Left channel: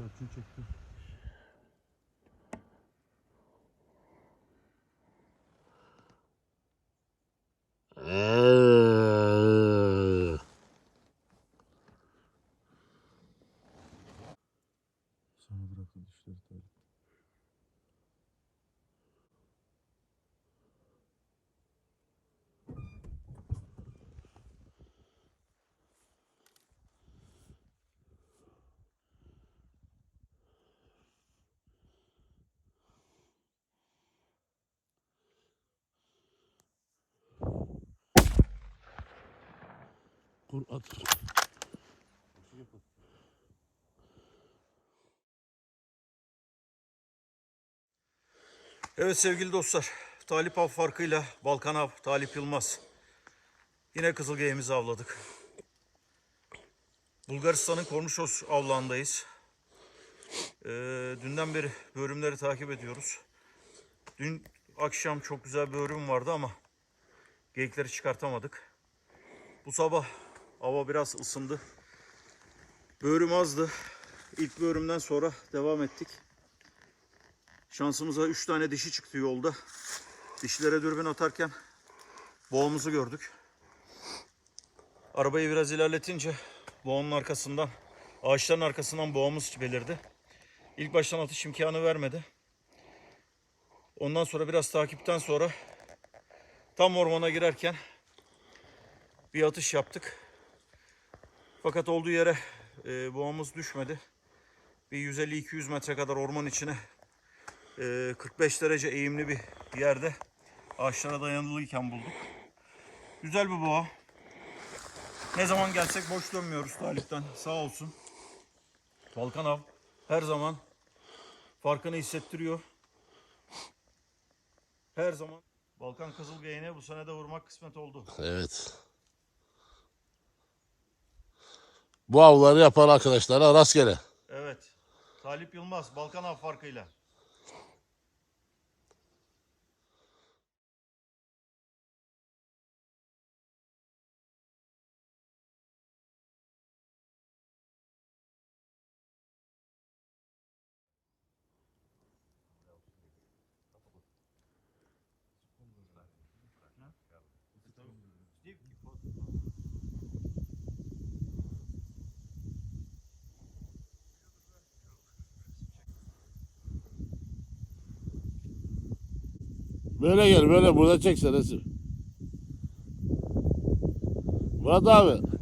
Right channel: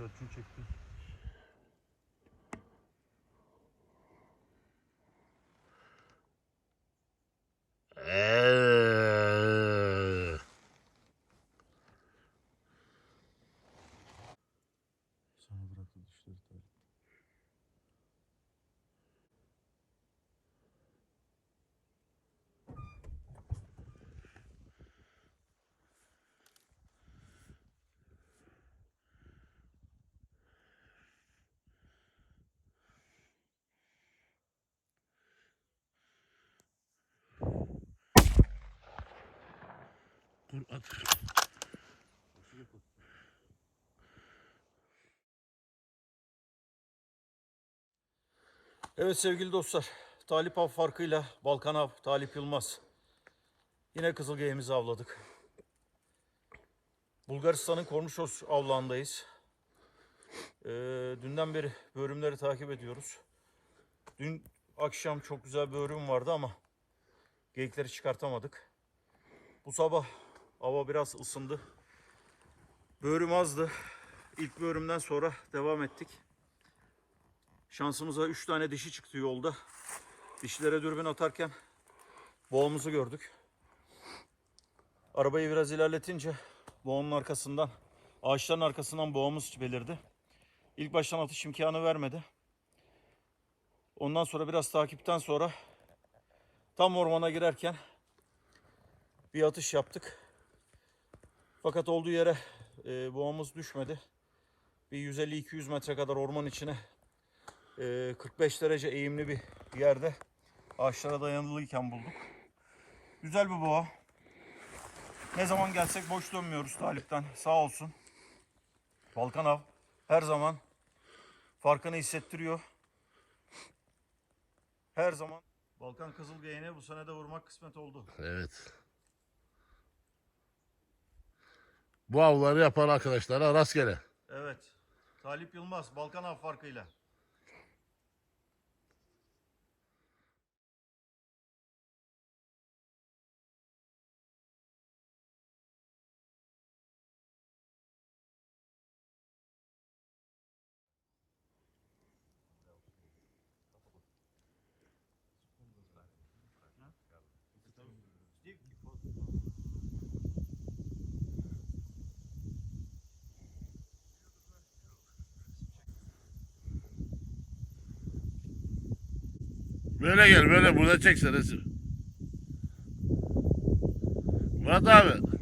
Selçuk'u çekti. Eee. Sana bıraktı dişleri tabii. Kur. Evet sevgili dostlar, Talip Av farkıyla Balkan Av, Talip Yılmaz. Yine kızılgeğimizi avladık. Bulgaristan'ın Kornuşos avlandayız. Ee, dünden beri bölümleri takip ediyoruz. Dün akşam çok güzel bir bölüm vardı ama geyikleri çıkartamadık. Bu sabah hava biraz ısındı. Bölüm azdı. İlk bölümden sonra devam ettik. Şansımıza 3 tane dişi çıktı yolda. Dişlere dürbün atarken boğumuzu gördük. Arabayı biraz ilerletince boğunun arkasından, ağaçların arkasından boğumuz belirdi. İlk baştan atış imkanı vermedi. Ondan sonra biraz takipten sonra tam ormana girerken bir atış yaptık. Fakat olduğu yere e, boğumuz düşmedi. Bir 150-200 metre kadar orman içine e, 45 derece eğimli bir yerde ağaçlara dayanılıyken bulduk. Güzel bir boğa. Ne zaman gelsek boş dönmüyoruz Talip'ten. Sağ olsun. Balkan av her zaman farkını hissettiriyor. Her zaman Balkan Kızılgeğine bu sene de vurmak kısmet oldu. Evet. Bu avları yapan arkadaşlara rastgele. Evet. Talip Yılmaz Balkan av farkıyla. Böyle gel böyle burada çek resim. Murat abi.